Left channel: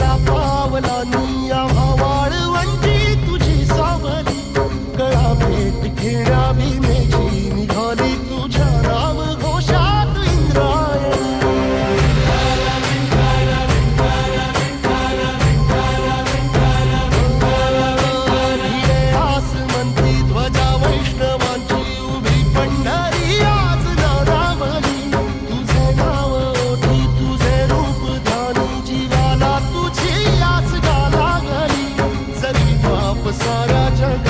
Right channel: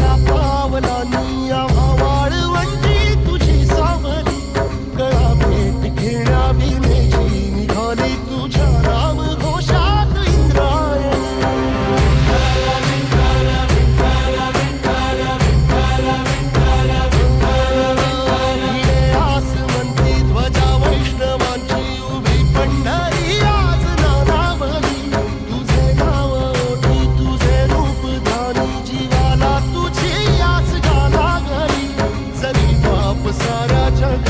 पावला पावला निया भावा सारा जग